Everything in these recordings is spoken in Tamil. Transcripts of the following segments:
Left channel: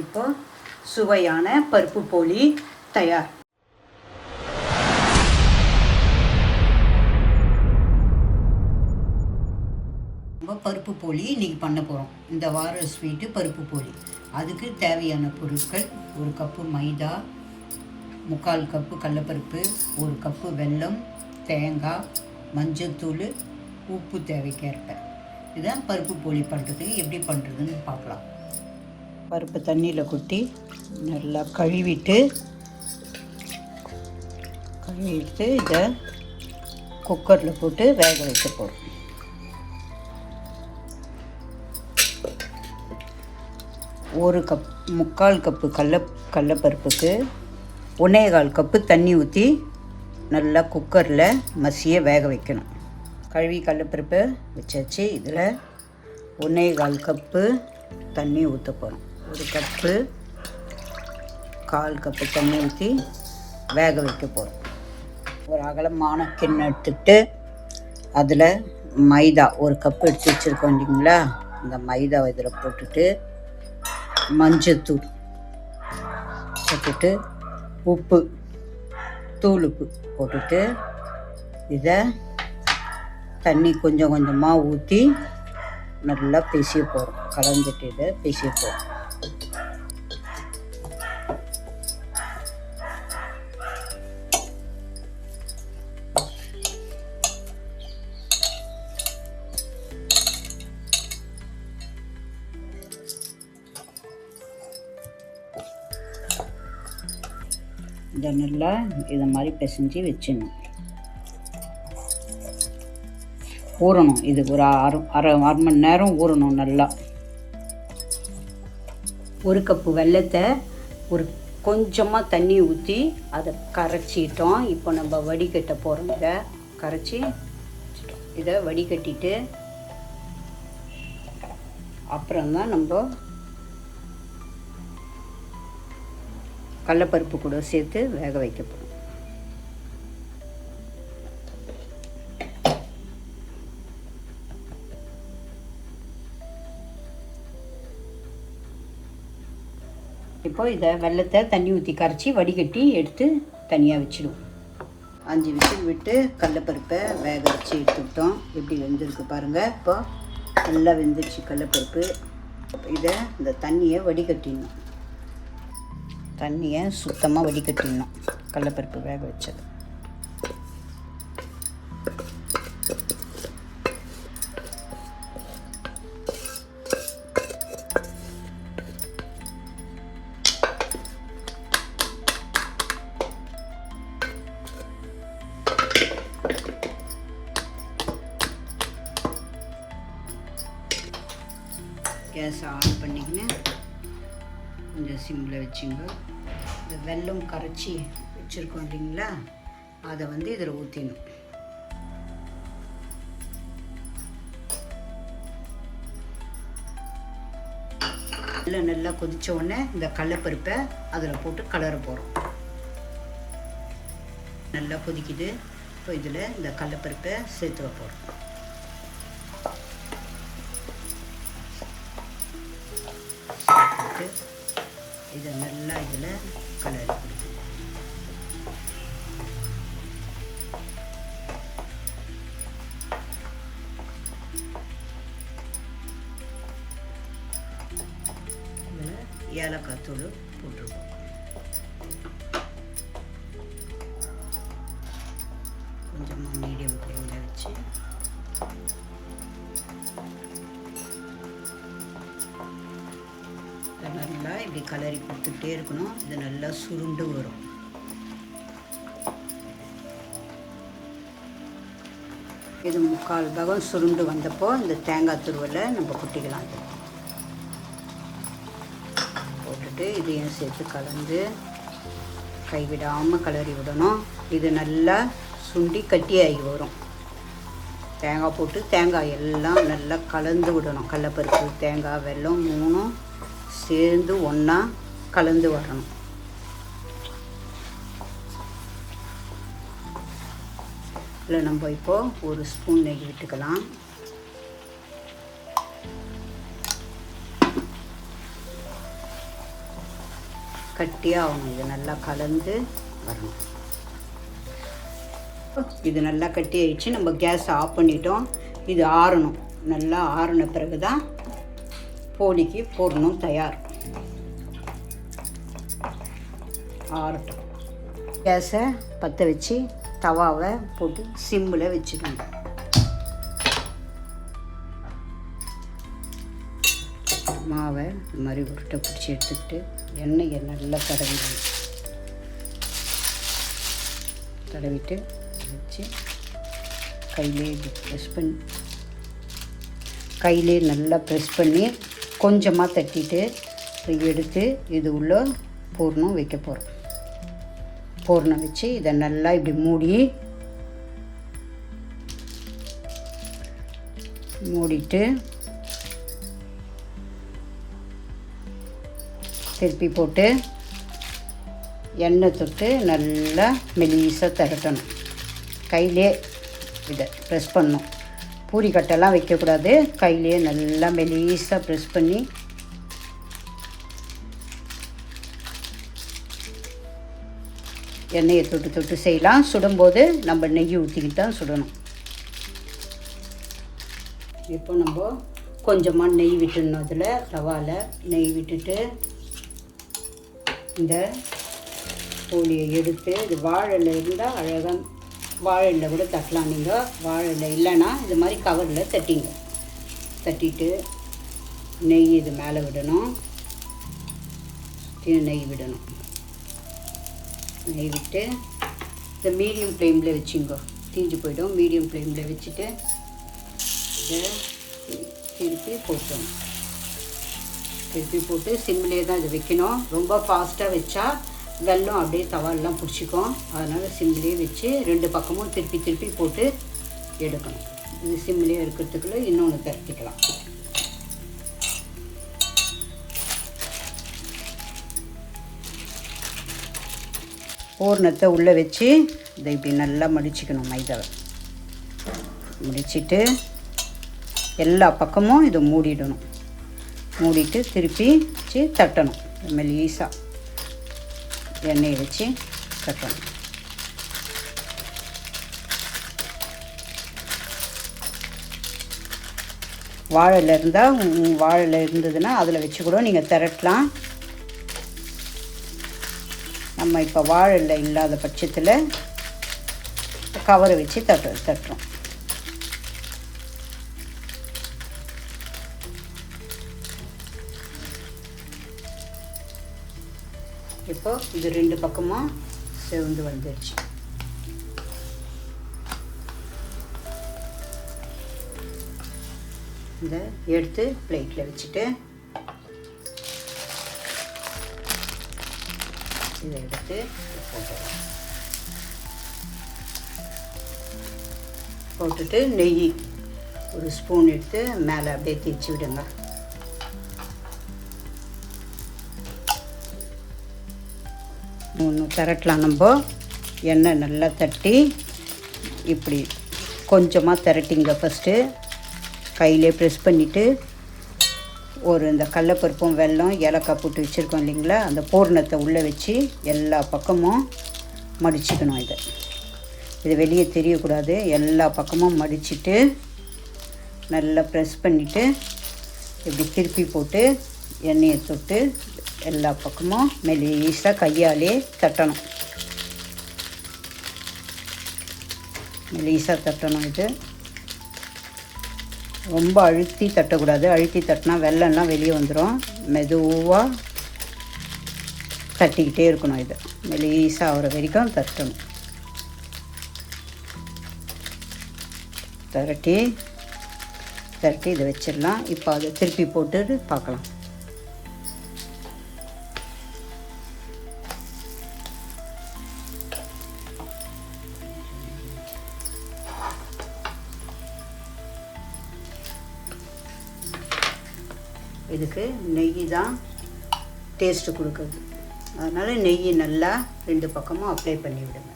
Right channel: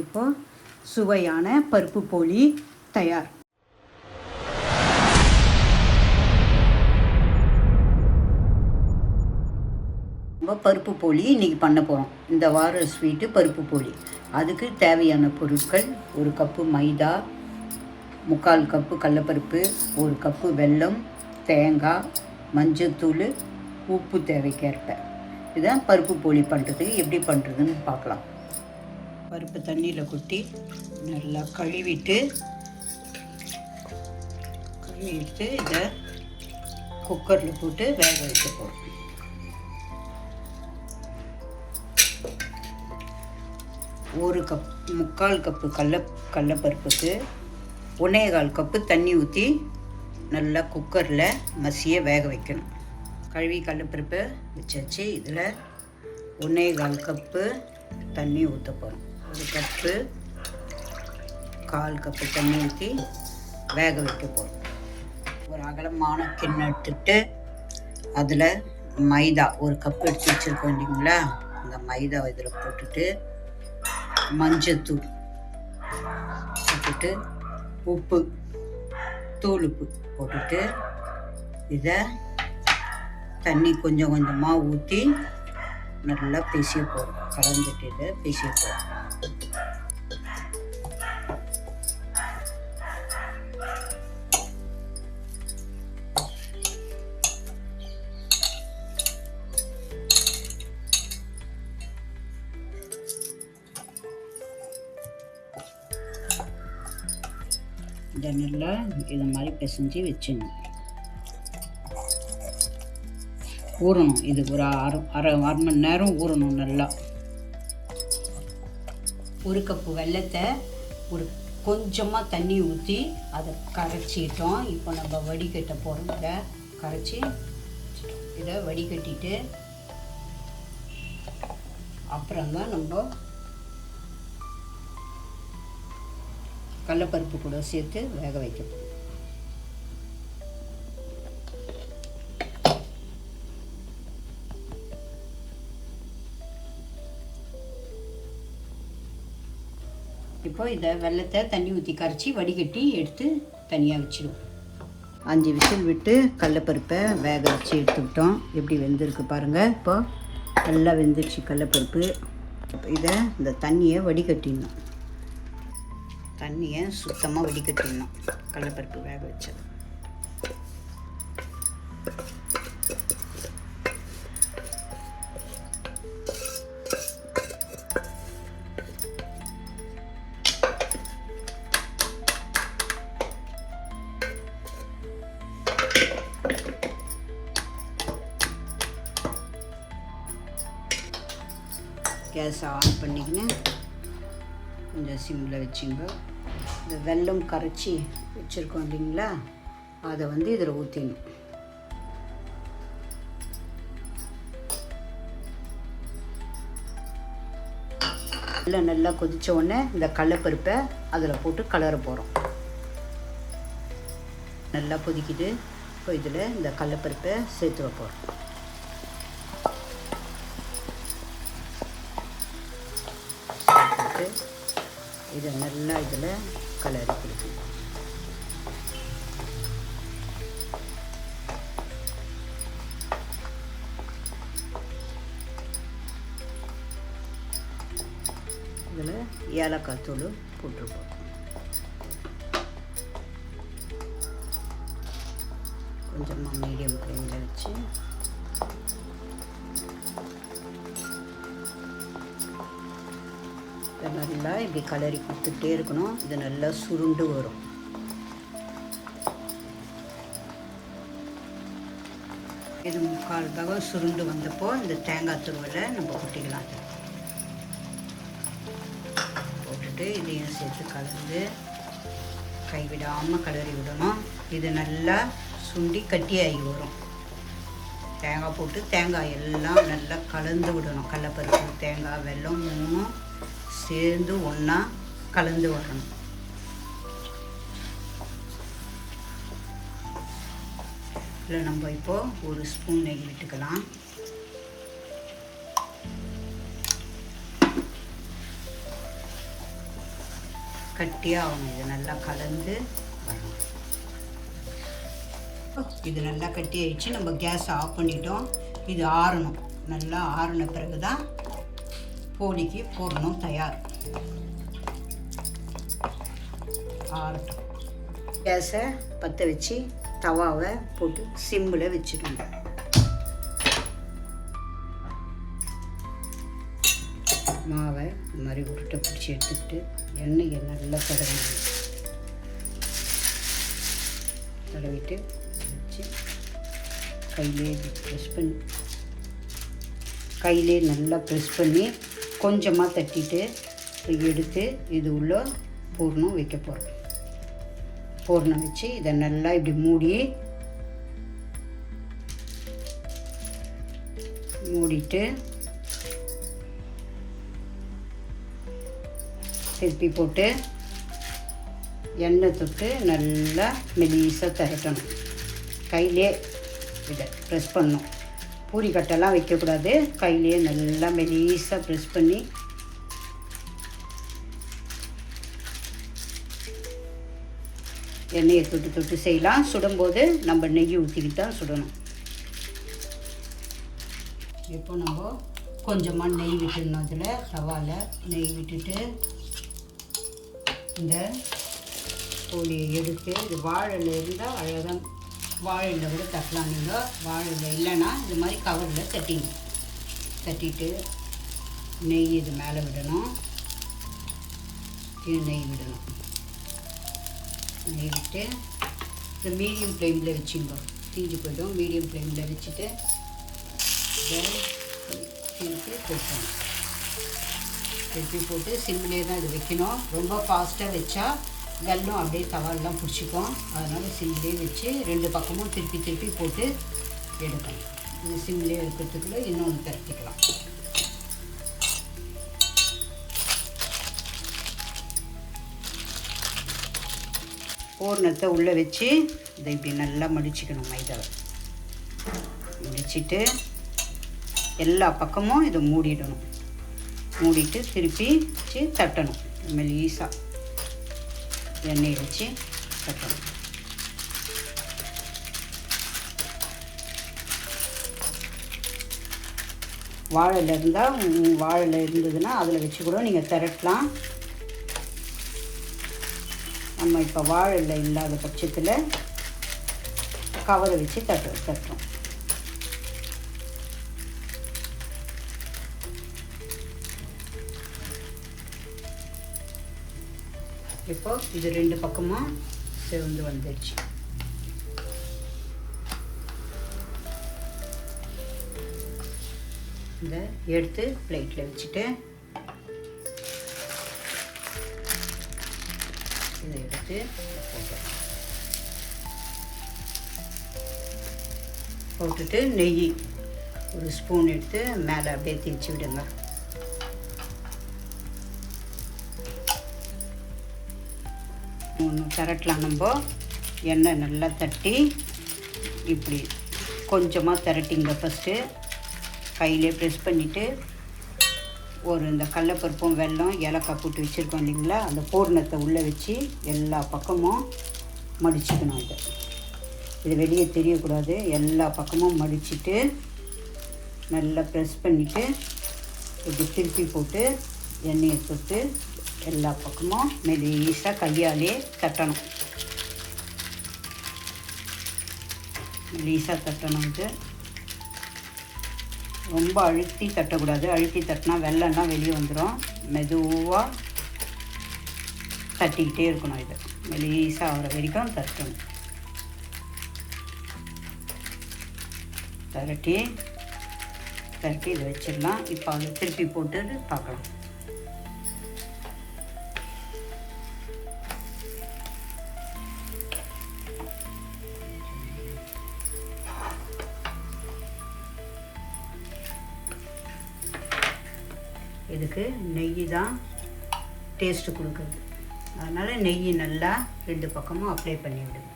இப்போ சுவையான பருப்பு போலி தயார். நம்ம பருப்பு போலி இன்றைக்கி பண்ண போகிறோம். இந்த வார ஸ்வீட்டு பருப்பு போலி. அதுக்கு தேவையான பொருட்கள்: 1 கப்பு மைதா, 3/4 கப்பு கடலப்பருப்பு, 1 கப்பு வெல்லம், தேங்காய், மஞ்சத்தூள், உப்பு தேவைக்கேற்ப. இதான் பருப்பு போலி பண்ணுறதுக்கு எப்படி பண்ணுறதுன்னு பார்க்கலாம். பருப்பு தண்ணியில் கொட்டி நல்லா கழுவிட்டு இதை குக்கரில் போட்டு வேக வைக்க போகிறோம். ஒரு கப் 3/4 கப்பு கடலப்பருப்புக்கு 1/4 கப்பு தண்ணி ஊற்றி நல்லா குக்கரில் மசிய வேக வைக்கணும். கழுவி கடலப்பருப்பை வச்சாச்சு. இதில் 1/4 கப்பு தண்ணி ஊற்ற போகிறோம். 1 கப்பு 1/4 கப்பு தண்ணி ஊற்றி வேக வைக்க போகிறோம். ஒரு அகலமான கிண்ணம் எடுத்துட்டு அதில் மைதா 1 கப்பு எடுத்து வச்சுருக்கோம் இல்லைங்களா, இந்த மைதாவை இதில் போட்டுட்டு மஞ்சத்தூள் போட்டுட்டு உப்பு போட்டுட்டு இதை தண்ணி கொஞ்சம் கொஞ்சமாக ஊற்றி நல்லா பிசைய போகிறோம். கலந்துட்டு இதை பிசைய போகிறோம். இதை நல்லா இதை மாதிரி பிசைஞ்சு வச்சிடணும். ஊறணும். இது ஒரு அரை மணி நேரம் ஊறணும் நல்லா. 1 கப்பு வெல்லத்தை ஒரு கொஞ்சமாக தண்ணி ஊற்றி அதை கரைச்சிட்டோம். இப்போ நம்ம வடிகட்ட போகிறோம். இதை கரைச்சி இதை வடிகட்டிட்டு அப்புறம்தான் நம்ம கடலப்பருப்பு கூட சேர்த்து வேக வைக்க போகிறோம். இப்போ இதை வெல்லத்தை தண்ணி ஊற்றி கரைச்சி வடிகட்டி எடுத்து தனியாக வச்சிடுவோம். 5 விசில் விட்டு கடலப்பருப்பை வேக வச்சு எடுத்துக்கிட்டோம். எப்படி வெந்திருக்கு பாருங்கள். இப்போ நல்லா வெந்துருச்சு கடலப்பருப்பு. இதை இந்த தண்ணியை வடிகட்டிடணும். தண்ணியை சுத்தமாக வடிகட்டிடணும். கடலப்பருப்பு வேக வச்சது கேஸை ஆன் பண்ணிக்கின்னு கொஞ்சம் சிம்மில் வச்சுங்க. இந்த வெல்லம் கரைச்சி வச்சுருக்கோம் இல்லைங்களா, அதை வந்து இதில் ஊற்றிடணும். வெல்லம் நல்லா கொதித்த உடனே இந்த கடலப்பருப்பை அதில் போட்டு கலர போகிறோம். நல்லா கொதிக்குது. இப்போ இதில் இந்த கடலப்பருப்பை சேர்த்துட போகிறோம். இதை நல்லா இதில் கலரி கொடுக்கணும். இதில் ஏலக்காய் தூள் போட்டிருக்கோம். கொஞ்சமாக மீடியம் ஃப்ளேமில் வச்சு நல்லா இப்படி கலரி கொடுத்துட்டே இருக்கணும். இது நல்லா சுருண்டு வரும். இது 3/4 பாகம் சுருண்டு வந்தப்போ இந்த தேங்காய் துருவலை நம்ம கொட்டிக்கலாம். போட்டுட்டு இதையும் சேர்த்து கலந்து கைவிடாமல் கலரி விடணும். இது நல்லா சுண்டி கட்டியாகி வரும். தேங்காய் போட்டு தேங்காய் எல்லாம் நல்லா கலந்து விடணும். கடலப்பருப்பு, தேங்காய், வெல்லம் 3 சேர்ந்து ஒன்றா கலந்து வரணும். இதில் நம்ம இப்போது 1 ஸ்பூன் நெய் விட்டுக்கலாம். கட்டியாக ஆகணும். இது நல்லா கலந்து வரணும். இது நல்லா கட்டி ஆயிடுச்சு. நம்ம கேஸ் ஆஃப் பண்ணிட்டோம். இது ஆறணும். நல்லா ஆறின பிறகு தான் போலிக்கு போடணும். தயார். ஆறட்டும். கேஸை பற்ற வச்சு தவாவை போட்டு சிம்மில் வச்சுக்கணும். மாவை இந்த மாதிரி உருட்டை பிடிச்சி எடுத்துக்கிட்டு எண்ணெயை நல்லா தடவிட்டு வச்சு கையிலே நல்லா ப்ரெஸ் பண்ணி கொஞ்சமாக தட்டிட்டு எடுத்து இது உள்ள பூர்ணம் வைக்க போகிறோம். பூர்ணம் வச்சு இதை நல்லா இப்படி மூடிட்டு திருப்பி போட்டு எண்ணெய் தொட்டு நல்லா மெலிசாக திரட்டணும். கையிலே இதை ப்ரெஸ் பண்ணணும். பூரி கட்டெல்லாம் வைக்கக்கூடாது. கையிலே நல்லா மெலிசாக ப்ரெஸ் பண்ணி எண்ணெயை தொட்டு செய்யலாம். சுடும்போது நம்ம நெய் ஊற்றிக்கிட்டு தான் சுடணும். இப்போ நம்ம கொஞ்சமாக நெய் விட்டுடணும். அதில் தவாவில் நெய் விட்டுட்டு இந்த போலியை எடுத்து இது வாழை இருந்தால் அழகாக வாழையில் கூட தட்டலாம். நீங்கள் வாழையில் இல்லைன்னா இது மாதிரி கவரில் தட்டிட்டு நெய் இது மேலே விடணும். நெய் விட்டு இந்த மீடியம் ஃப்ளேமில் வச்சுங்க. தீஞ்சு போய்டும். மீடியம் ஃப்ளேமில் வச்சுட்டு இதை திருப்பி போட்டு சிம்மிலே தான் இது வைக்கணும். ரொம்ப ஃபாஸ்ட்டாக வச்சா வெல்லம் அப்படியே தவாலெலாம் பிடிச்சிக்கும். அதனால் சிம்மிலே வச்சு 2 பக்கமும் திருப்பி போட்டு எடுக்கணும். இது சிம்மிலே இருக்கிறதுக்குள்ளே இன்னொன்று பரட்டிக்கலாம். பூர்ணத்தை உள்ளே வச்சு இதை இப்படி நல்லா மடிச்சுக்கணும். மைதாவை முடிச்சுட்டு எல்லா பக்கமும் இதை மூடிட்டு திருப்பி வச்சு தட்டணும். மெலிசாக எண்ணெயை வச்சு தட்டணும். வாழையில் இருந்ததுன்னா அதில் வச்சு கூட நீங்கள் திரட்டலாம். நம்ம இப்போ வாழையில் இல்லாத பட்சத்தில் கவரை வச்சு தட்டுறோம். இப்போ இது 2 பக்கமும் செவந்து வந்துடுச்சு. இதை எடுத்து பிளேட்டில் வச்சுட்டு இதை எடுத்து போட்டுட்டு நெய் ஒரு ஸ்பூன் எடுத்து மேலே அப்படியே தேய்ச்சி விடுங்க. திரட்டலாம். நம்ம எண்ணெய் நல்லா தட்டி இப்படி கொஞ்சமாக திரட்டிங்க. ஃபஸ்ட்டு கையிலே ப்ரெஸ் பண்ணிவிட்டு ஒரு இந்த கடலைப்பருப்பும் வெல்லம் ஏலக்காய் போட்டு வச்சுருக்கோம் இல்லைங்களா, அந்த பூர்ணத்தை உள்ளே வச்சு எல்லா பக்கமும் மடிச்சுக்கணும். இது வெளியே தெரியக்கூடாது. எல்லா பக்கமும் மடிச்சுட்டு நல்லா ப்ரெஸ் பண்ணிவிட்டு இப்படி திருப்பி போட்டு எண்ணெயை தொட்டு எல்லா பக்கமும் மெலிசாக கையாலே தட்டணும். இது ரொம்ப அழுத்தி தட்டக்கூடாது. அழுத்தி தட்டினா வெல்லம்லாம் வெளியே வந்துடும். மெதுவாக தட்டிக்கிட்டே இருக்கணும். இது மெலிசாக ஆகிற வரைக்கும் தட்டணும். திரட்டி இதை வச்சிடலாம். இப்போ அதை திருப்பி போட்டு பார்க்கலாம். இதுக்கு நெய் தான் டேஸ்ட்டு கொடுக்குறது. அதனால் நெய் நல்லா 2 பக்கமும் அப்ளை பண்ணி விடுங்க.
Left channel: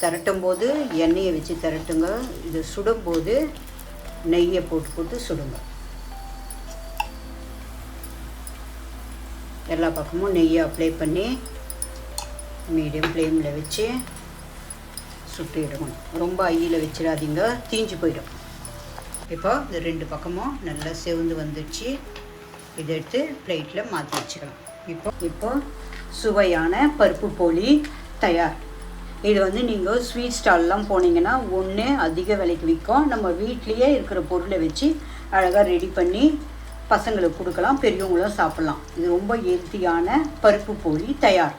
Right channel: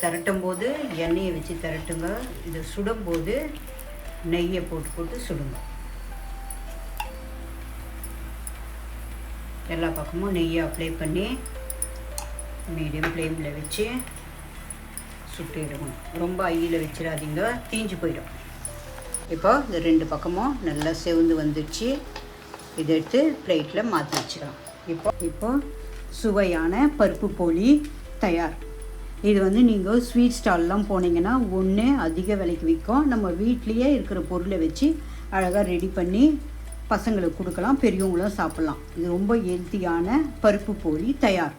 திரட்டும் போது எண்ணெயை வச்சு திரட்டுங்க. இது சுடும்போது நெய்யை போட்டு சுடுங்க. எல்லா பக்கமும் நெய்யை அப்ளை பண்ணி மீடியம் ஃப்ளேமில் வச்சு சுட்டிடணும். ரொம்ப ஹையில் வச்சிடாதீங்க, தீஞ்சு போயிடும். இப்போ இந்த 2 பக்கமும் நல்லா செவந்து வந்துடுச்சு. இதை எடுத்து பிளேட்டில் மாற்றி வச்சுக்கலாம். இப்போ சுவையான பருப்பு போலி தயார். இது வந்து நீங்கள் ஸ்வீட் ஸ்டால்லாம் போனீங்கன்னா ஒன்று அதிக விலைக்கு விற்கும். நம்ம வீட்லேயே இருக்கிற பொருளை வச்சு அழகாக ரெடி பண்ணி பசங்களுக்கு கொடுக்கலாம், பெரியவங்களும் சாப்பிட்லாம். இது ரொம்ப ஹெல்த்தியான பருப்பு போலி தயார்.